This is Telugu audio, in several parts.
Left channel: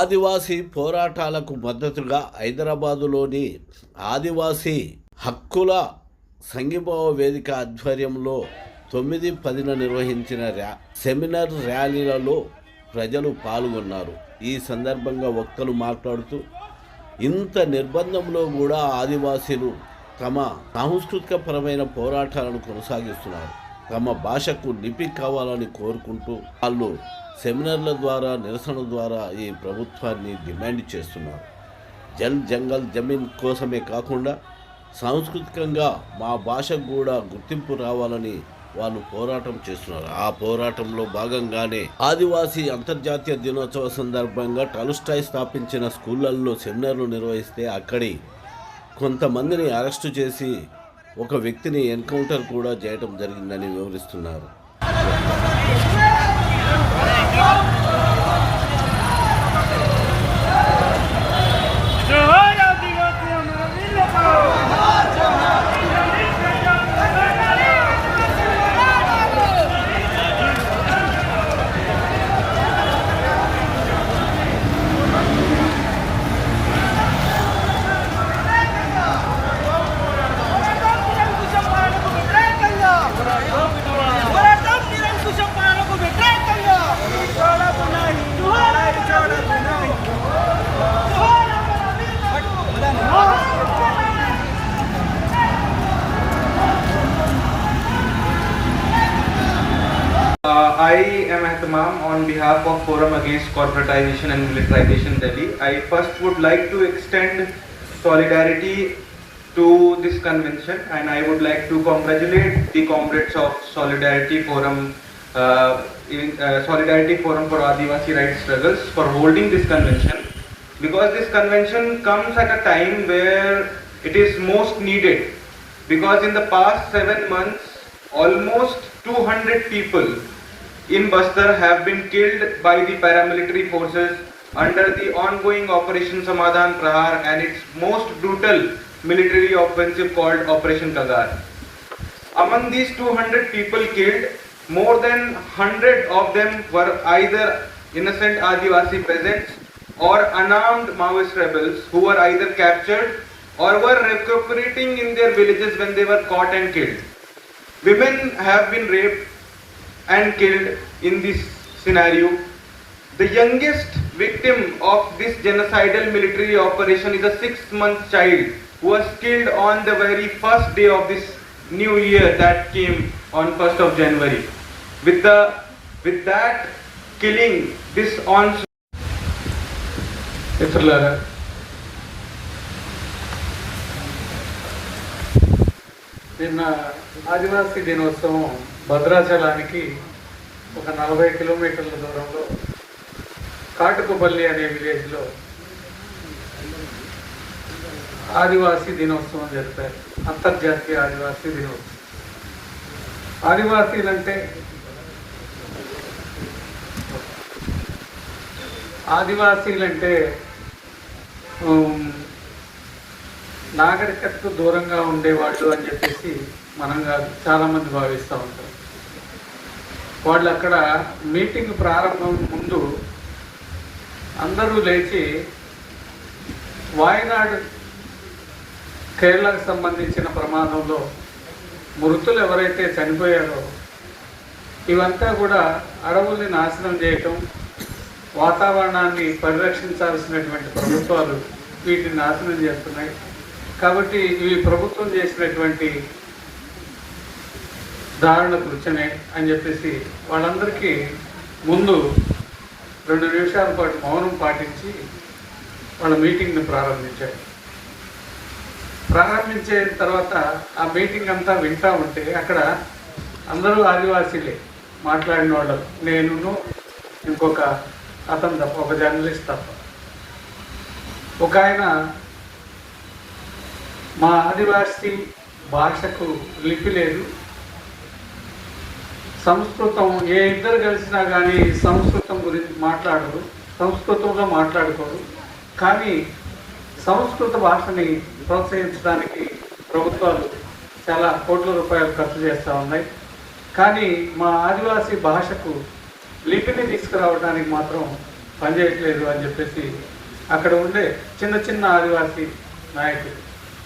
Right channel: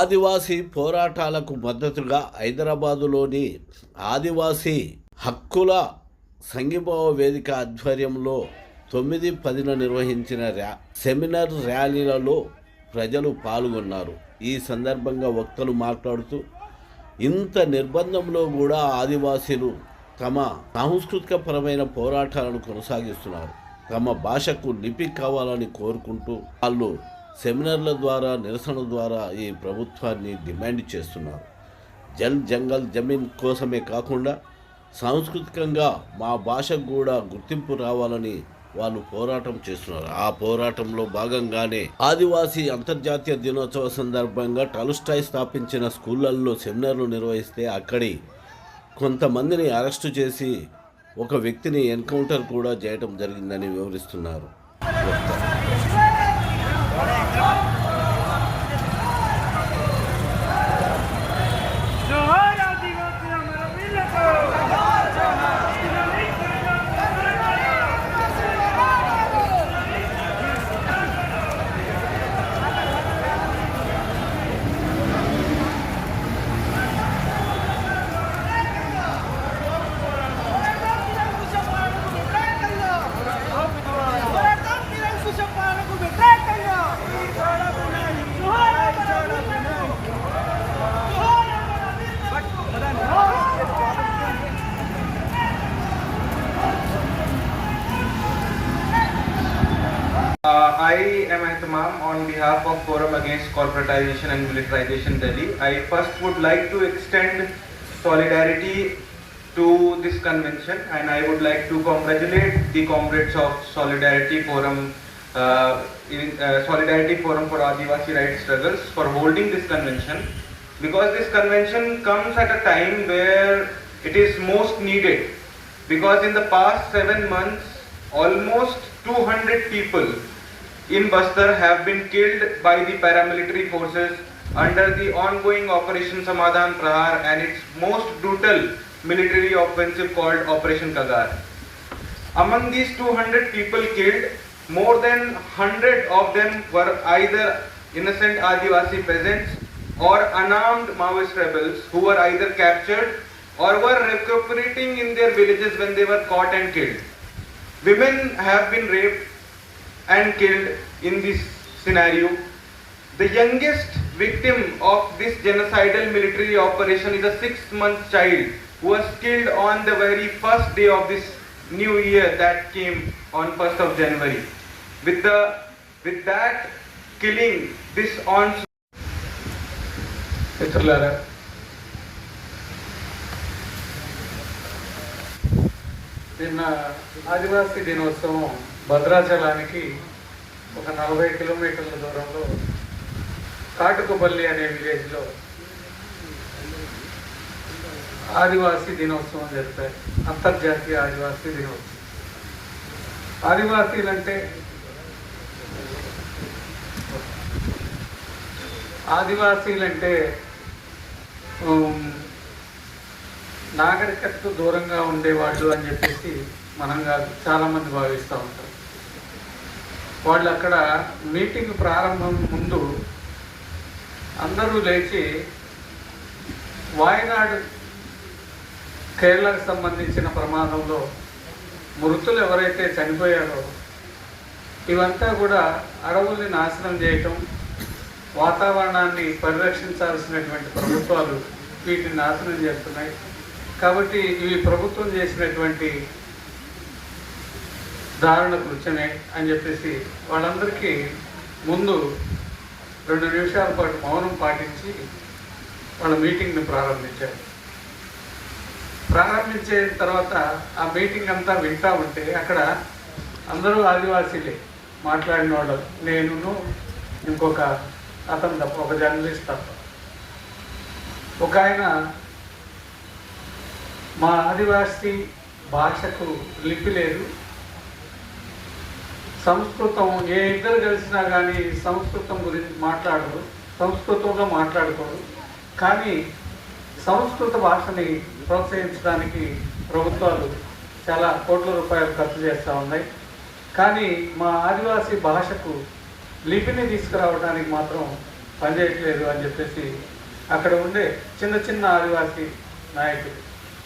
ఆదివాసీ పోరాటాలకు మద్దతుగా హైదరాబాదులోని ఆదివాసీ హక్కుల సంఘీభావ వేదిక ఆధ్వర్యంలో 9-10 నిర్వహించిన సెమినార్ ర్యాలీలలో ప్రజలు పాల్గొన్నారు. ఈ సందర్భంగా వక్తలు మాట్లాడుతూ ఇంత నిర్బంధంలో కూడా ఆదివాసీలు తమ సాంస్కృతిక పరమైన పోరాటాలను కొనసాగిస్తున్నారు. తమ భాషకు లిపి కావాలని కోరుకుంటూ వాళ్ళు సెమినార్ల ద్వారా, నిరసన ద్వారా ఈ ప్రభుత్వాన్ని డిమాండ్ చేస్తున్నారు. జల్ జంగల్ జమీన్ కోసమే కాకుండా సాంస్కృతికంగా మా భాషకు కూడా గుర్తింపు రావాలని వాళ్ళు పోరాటం చేస్తున్నారు. ఆ పోరాటంలో భాగంగానే ఆదివాసీ అంతర్జాతీయ దినోత్సవ సందర్భంగా టాల్స్టాయ్ స్థాపించిన స్కూళ్ళల్లో సెమినార్లు నిర్వహిస్తే అక్కడి కొంతమందిని అరెస్టు చేసి ఒక వ్యక్తిని ఎన్కౌంటర్ కూడా చేయడం జరిగిందని వివరిస్తున్నారు. I am Ahtamam on behalf of Forum Against Corporatization and Militarization Delhi. I first would like to extend solidarity to this convention, and I would like to congratulate the comrades of Solidarity Forum for Adivasi Rights Struggles for holding this convention, because this convention comes at a time where it is most needed, because in the past 7 months almost 200 people in Bastar have been killed by the paramilitary forces under the ongoing Operation Samadhan Prahar and its most brutal military offensive called Operation Kagar. Among these 200 people killed, more than 100 of them were either innocent Adivasi peasants or unarmed Maoist rebels who were either captured or were recuperating in their villages when they were caught and killed. Women have been raped and killed in this scenario. The youngest victim of this genocidal military operation is a 6-month child who was killed on the very first day of this new year that came on 1st of January. With that killing, this onslaught. నిన్న ఆదివాసీ దినోత్సవం భద్రాచలానికి ఒక 40 కిలోమీటర్ల దూరంలో కాటుకుపల్లి అనే విలేజ్లో ఆదివాసీ దినోత్సవం జరిపారు. అంతర్జాతీయ ఆదివాసీ దినోత్సవం. ఆదివాసీలంటే నాగరికతకు దూరంగా ఉండేవాళ్ళు అని చెప్పేసి మనం కాదు, చాలామంది భావిస్తూ ఉంటారు. వాళ్ళు అక్కడ మీటింగ్ ప్రారంభం ముందు అందరూ లేచి వాయనాడు కేరళకు సంబంధించిన ప్రమాదంలో మృతులు ఎవరైతే చనిపోయారో ఇవంతా కూడా అడవుల్ని నాశనం చేయటం, వాతావరణాన్ని పరిరక్షించాల్సినటువంటి ప్రభుత్వాలు వీటిని నాశనం చేస్తున్నాయి. కాబట్టి ఇవి ప్రభుత్వం చేసినటువంటి దారుణ కృత్యమే అని చెప్పేసి వాళ్ళందరికీ ముందు 2 నిమిషాల పాటు మౌనం పాటించి వాళ్ళ మీటింగ్ని ప్రారంభించారు. ప్రారంభించిన తర్వాత ఆ మీటింగ్ అంతా వింటా ఉంటే అక్కడ అందరూ ఆదివాసీలే మాట్లాడిన వాళ్ళు, నేను ఇంకొక అతను తప్ప, ఒక జర్నలిస్ట్ తప్ప. ఒక ఆయన మా ఆదివాసీ భాషకు లిపి లేదు, సంస్కృతం ఏ ఇద్దరు కలిసినా కానీ సంస్కృతం గురించి మాట్లాడరు, సంస్కృతంలో మాట్లాడుకోరు. కానీ సంస్కృత భాషని ప్రోత్సహించడానికి ప్రభుత్వాలు చాలా కోట్ల రూపాయలు ఖర్చు చేస్తూ ఉన్నాయి. కానీ మా ఆదివాసీ భాషకు లిపిని తీసుకురావడానికి మాత్రం పనిచేయట్లేదు అని చెప్పేసి అక్కడ ఉండే చిన్న చిన్న ఆదివాసీ నాయకులు,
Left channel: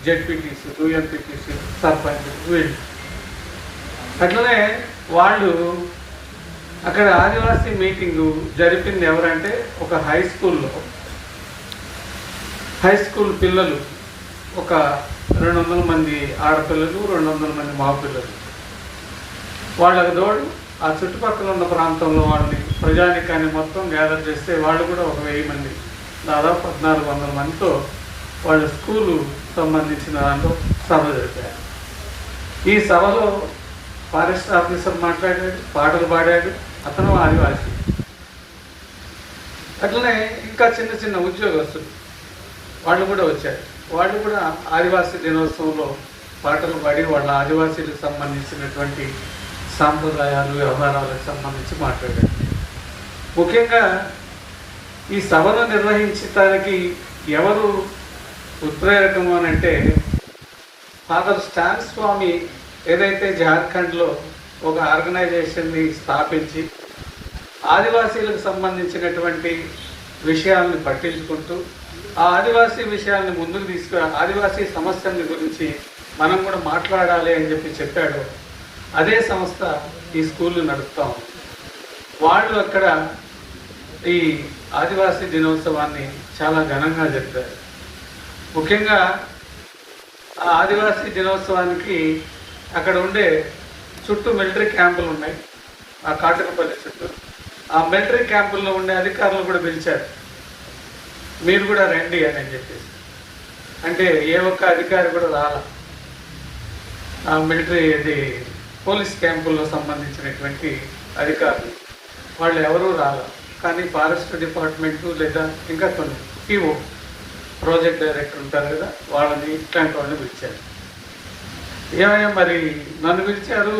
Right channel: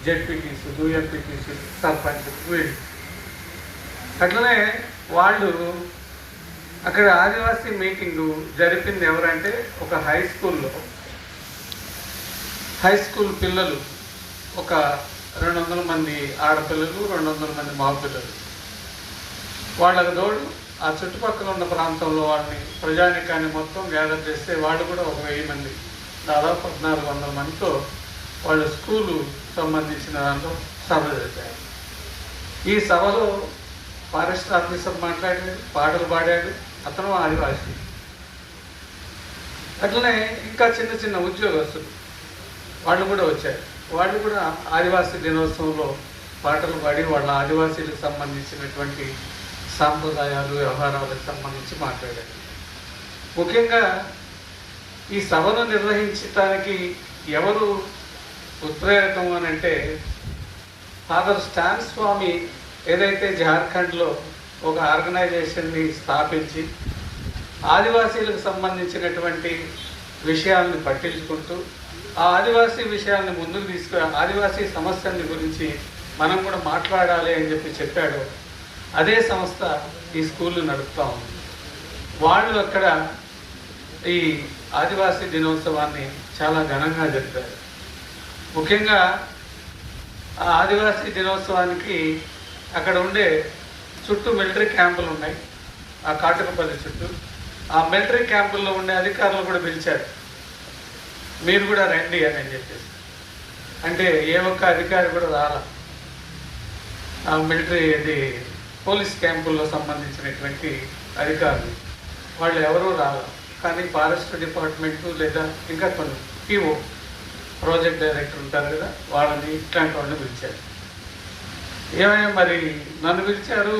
జెడ్పీటీసీ, యూఎంపీటీసీ, సర్పంచ్, వీళ్ళు అట్లనే వాళ్ళు అక్కడ ఆదివాసీ మీటింగు జరిపింది ఎవరంటే ఒక హై స్కూల్ పిల్లలు, ఒక 200 మంది ఆడపిల్లలు, 200 మంది మగపిల్లలు. వాళ్ళకి తోడు ఆ చుట్టుపక్కల ఉన్న ప్రాంతంలో వాళ్ళని ప్రజానికాన్ని మొత్తం గ్యాదర్ చేస్తే వాళ్ళు కూడా ఒక 1000 మంది, దాదాపు 1400 మందితో వాళ్ళ స్కూలు సంబంధించిన దాంట్లో సభలు జరిపారు. ఈ సభలో ఫారెస్ట్ ఆఫీసర్ మాట్లాడాడు, పాటలు పాడాడు, అతను ఆదివాసీ. అట్లనే ఇంకా చిన్న చిన్న ఉద్యోగస్తులు వాళ్ళు కూడా వచ్చారు. వాళ్ళు కూడా ఆదివాసీ దినోత్సవంలో పాటలు పాడి వాళ్ళ ఆదివాసీలకు సంబంధించినటువంటి సాంప్రదాయాలు, వ్యవహారాలకు సంబంధించి మాట్లాడారు. ముఖ్యంగా ఈ సభను నిర్వహించడానికి ఎవరు ఉత్ప్రేరకము అని అంటే, ఫాదర్ స్టాన్ స్వామి ఏదైతే జార్ఖండ్లో ఒక ఆర్గనైజేషన్ని స్థాపించి ఆదివాసీలకు సంబంధించినటువంటి విషయాలను పట్టించుకుంటూ ఆ ఆదివాసీ విషయాలను ముందుకు ఆదివాసీ సమస్యల గురించి మనం కూడా మాట్లాడాలి అని చెప్పాడు. అదే సంస్థ ఈ స్కూళ్ళు నడుపుతా ఉంది. వాళ్ళు అక్కడ ఈ ఆదివాసీ దినోత్సవాన్ని చాలా ఘనంగా జరిపారు. ముఖ్యంగా ఆ ఆదివాసీ దినోత్సవానికి అక్కడ ఉండే చుట్టూ మిలిటరీ క్యాంపులు ఉన్నాయి, ఆ కాటకపల్లి చుట్టూ. ఆ మిలిటరీ క్యాంపుల్లో ఉండే అధికారులు కూడా పిలిచారు, మీరు కూడా రండి అని చెప్పేసి. అంటే ఏ ఒక్క అధికారి కూడా రాల. ఆ మిలిటరీ పోలీస్ క్యాంపుల్లో సంబంధించినటువంటి అధికారులు వాళ్ళు ఎవరూ రాల. కానీ ఫారెస్ట్ డిపార్ట్మెంటు లేదా ఇంకా కొన్ని పిఓ, ప్రాజెక్ట్ డైరెక్టర్ ఉంటారు కదా, వాళ్ళని ఇట్లాంటి వాళ్ళని పిలిచారు. ఏమైనా మరి నన్ను పిలిచారు,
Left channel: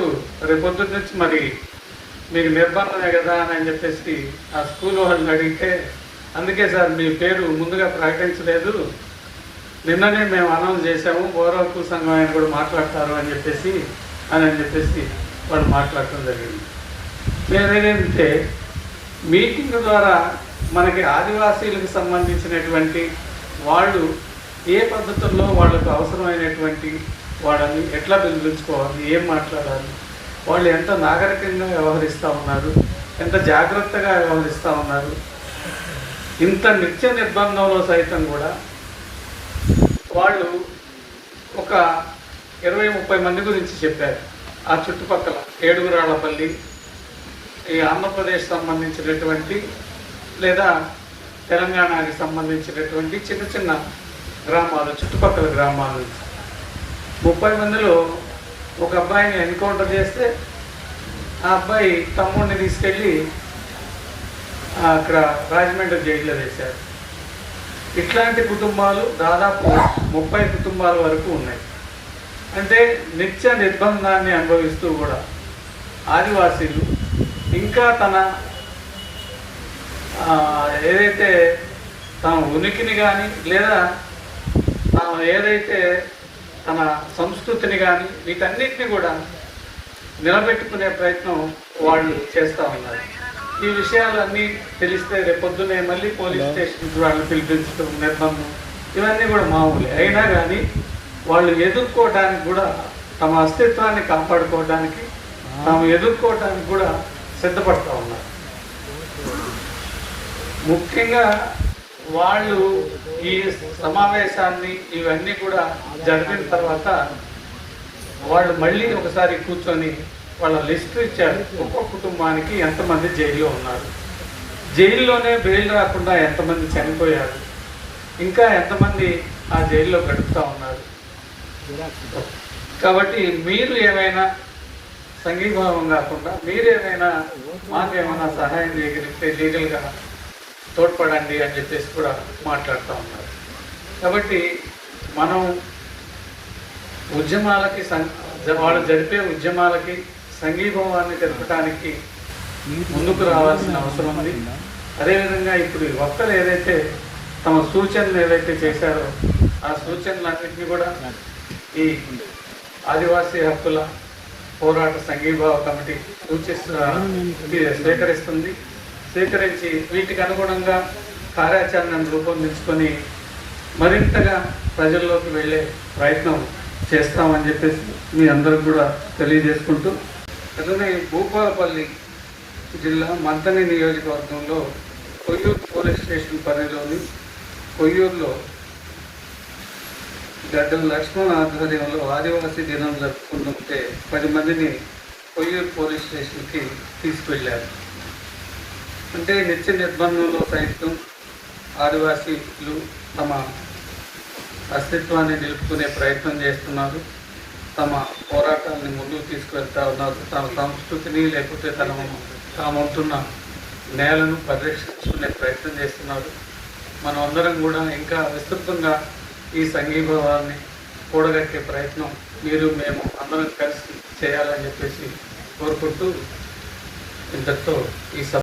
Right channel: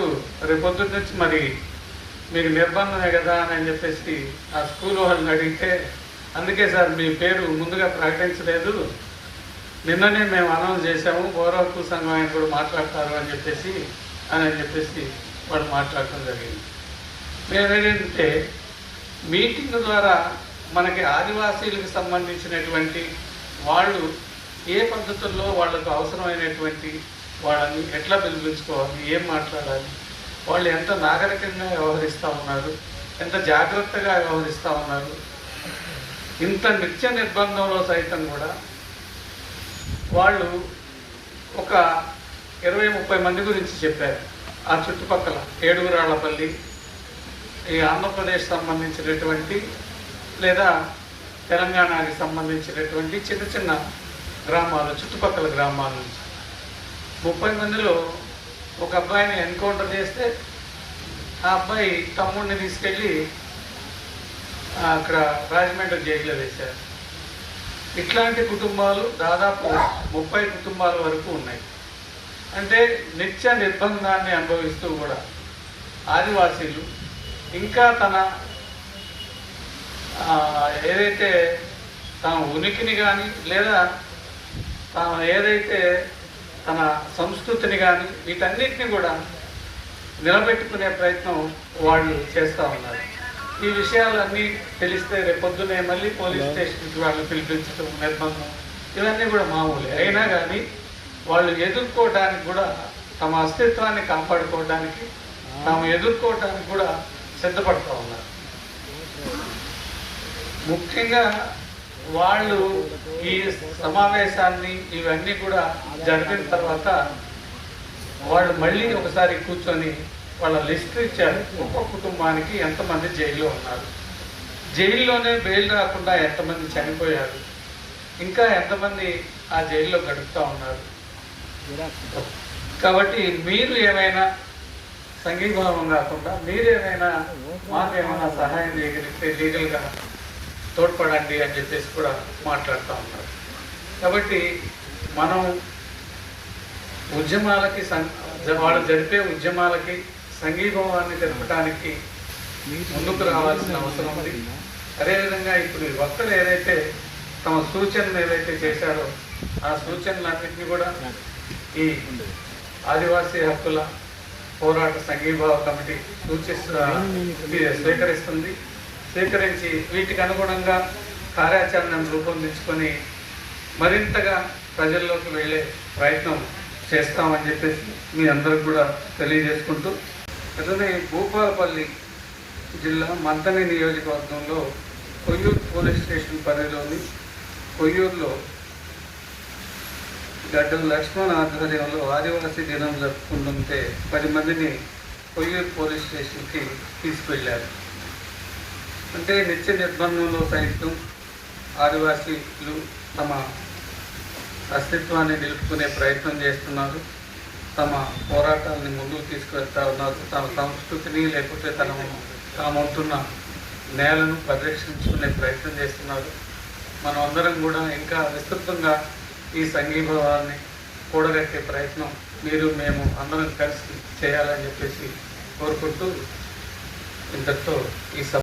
రేపొద్దు నుంచి మరి మీకు నిర్బంధమే కదా అని చెప్పేసి ఆ స్కూల్ వాళ్ళని అడిగితే, అందుకే సార్ మీ పేరు ముందుగా ప్రకటించలేదు, నిన్ననే మేము అనౌన్స్ చేశాము, గౌరవకు సంఘం ఆయన కూడా మాట్లాడతారు అని చెప్పేసి వాళ్ళు మాట్లాడటం జరిగింది. నేనేంటంటే మీటింగ్ ద్వారా మనకి ఆదివాసీలకు సంబంధించినటువంటి వాళ్ళు ఏ పద్ధతుల్లో వాళ్ళకు అవసరమైనటువంటి వాళ్ళని ఎట్లా పిలిపించుకోవాలి, ఏం మాట్లాడాలి, వాళ్ళు ఎంత నాగరికంగా వ్యవహరిస్తూ ఉన్నారు, ఎంత జాగ్రత్తగా వ్యవహరిస్తూ ఉన్నారు. ఇంత నిత్య నిర్బంధంలో సైతం కూడా వాళ్ళు ఒక 20-30 మంది గురించి చెప్పారు. ఆ చుట్టుపక్కల ఏడుగురాళ్లపల్లి, ఈ ఆంధ్రప్రదేశ్ సంబంధించినటువంటి లేదా తెలంగాణకి సంబంధించినటువంటి చిన్న చిన్న గ్రామాలు, చుట్టుపక్కల గ్రామాల నుంచి 30 మందిలో ఒక అబ్బాయిని ఎన్కౌంటర్ చేస్తే ఆ అబ్బాయి తమ్ముడిని తీసుకెళ్ళి అక్కడ రాజమండ్రి జైల్లో వేశారు. ఇట్లాంటి కుటుంబాలు దాదాపు 30 కుటుంబాల వరకు ఉన్నాయి. అంటే నిత్య నిర్బంధాన్ని అనుభవిస్తూ కూడా ఆదివాసీలు ఇంకా తన ఏదైతే తన ఉనికిని కానీ లేదా ఏదైతే తన సంస్కృతిని కానీ వీటన్నిటిని కూడా నిలబెట్టుకునే ప్రయత్నం వాళ్ళు చేస్తూ ఉన్నారు. ఈ విషయాలన్నీ తెలిస్తే రేపొద్దునే మళ్ళీ పోలీస్ స్టేషన్కి వాళ్ళని పిలిపించడం, నిర్బంధం, ఇవన్నీ కూడా మామూలే. అయినా కానీ వాళ్ళు ఎదుర్కోవడానికి కూడా, తమ అస్తిత్వాన్ని కాపాడుకోవడానికి, తాము ఎదుర్కోవడానికి కూడా సిద్ధపడుతూ ఉన్నారు. ముఖ్యంగా వాళ్ళు ఈ సమావేశాన్ని ఇవన్నీ కూడా జరిగిన తర్వాత వాళ్ళు మళ్ళీ ఒకసారి కూర్చొని వాళ్ళ లిస్ట్ ఇచ్చారు. ఒక్కొక్క కుటుంబానికి ఎంతమంది జైల్లో ఉన్నారు, జైల్లోనే బెయిల్ రాకుండా ఎంతమంది చనిపోయారు, ఇంకా ఎంతమంది ఆ జైల్లో గడుపుతూ ఉన్నారు. కాబట్టి మీరు ఏమైనా సంఘీభావం కాకుండా మీరేమైనా మాకేమైనా సహాయం లీగల్గా తోడ్పడండి అని చెప్పేసి కూడా మాట్లాడుతూ ఉన్నారు. కాబట్టి మనం ఉద్యమాలకి వాళ్ళు జరిపే ఉద్యమాలకి సంఘీభావాన్ని తెలపడానికి ముందుకు రావాల్సిన అవసరం ఉంది. అదేవిధంగా ఇప్పుడు వక్తలు ఏదైతే తమ సూచనలు ఏదైతే చేశారో ఆ సూచనలన్నింటినీ కూడా ఈ ఆదివాసీ హక్కుల పోరాట సంఘీభావ కమిటీ స్వీకరిస్తుంది. స్వీకరించి వీటికి అనుగుణంగా కార్యాచరణను రూపొందించుకొని మరింతగా ప్రజల్లోకి వెళ్ళే ప్రయత్నం చేస్తామని చెప్పేసి మీ అందరికి కూడా తెలియజేసుకుంటూ, అలానే భూపాలపల్లి జిల్లా మంతని నియోజకవర్గంలో కొయ్యూరు పోలీస్ స్టేషన్ పరిధిలోని కొయ్యూరులో గడ్డం లక్ష్మణ్ ఆధ్వర్యంలో ఆదివాసీ దినం జరుపుకుంటుంటే 10 మందిని కొయ్యూరు పోలీస్ స్టేషన్కి తీసుకువెళ్ళారు. అంటే నిత్య నిర్బంధంలో సైతం ఆదివాసీలు తమ అస్తిత్వాన్ని నిలుపుకునే ప్రయత్నం చేస్తున్నారు. తమ పోరాటాన్ని ముందుకు తీసుకువెళ్తా ఉన్నారు. తమ సంస్కృతిని లేకపోతే తాముంటున్న నేలను పరిరక్షించుకునే ప్రయత్నం చేస్తున్నారు. మనం అందరం కూడా ఇంకా విస్తృతంగా ఈ సంఘీభావాన్ని కూడగట్టే ప్రయత్నం మీరు మేము అందరం కలిసి చేయాలని చెప్పేసి కోరుకుంటూ ఇంతతో ఈ